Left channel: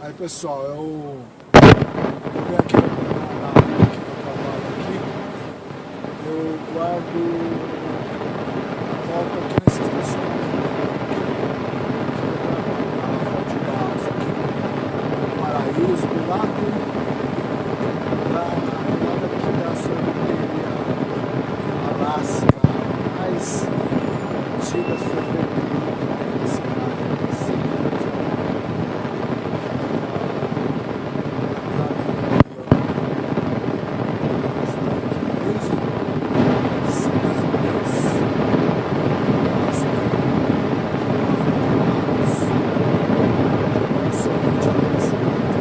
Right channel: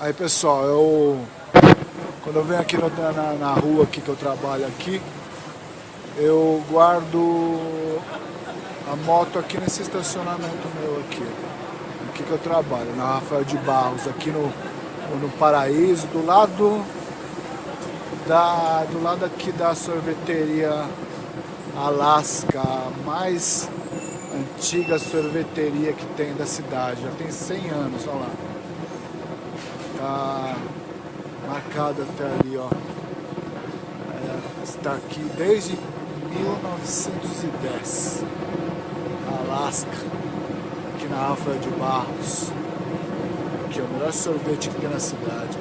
Aí pessoal, quando eu venho aqui na rua aqui que eu trabalho aqui, eu guardo a moto aqui nesse estacionamento aqui que eu trabalho, na Rafael de Barros, aqui no Paraíso, do lado aqui da sorveteria Alaska, a mais antiga sorveteria que tem da cidade, já tem 100 anos, ó. Marcado até ali, ó. Ela está aqui desde 1910. Alaska, aqui na Rafael de Barros. Aqui é o melhor sorvete aqui na cidade.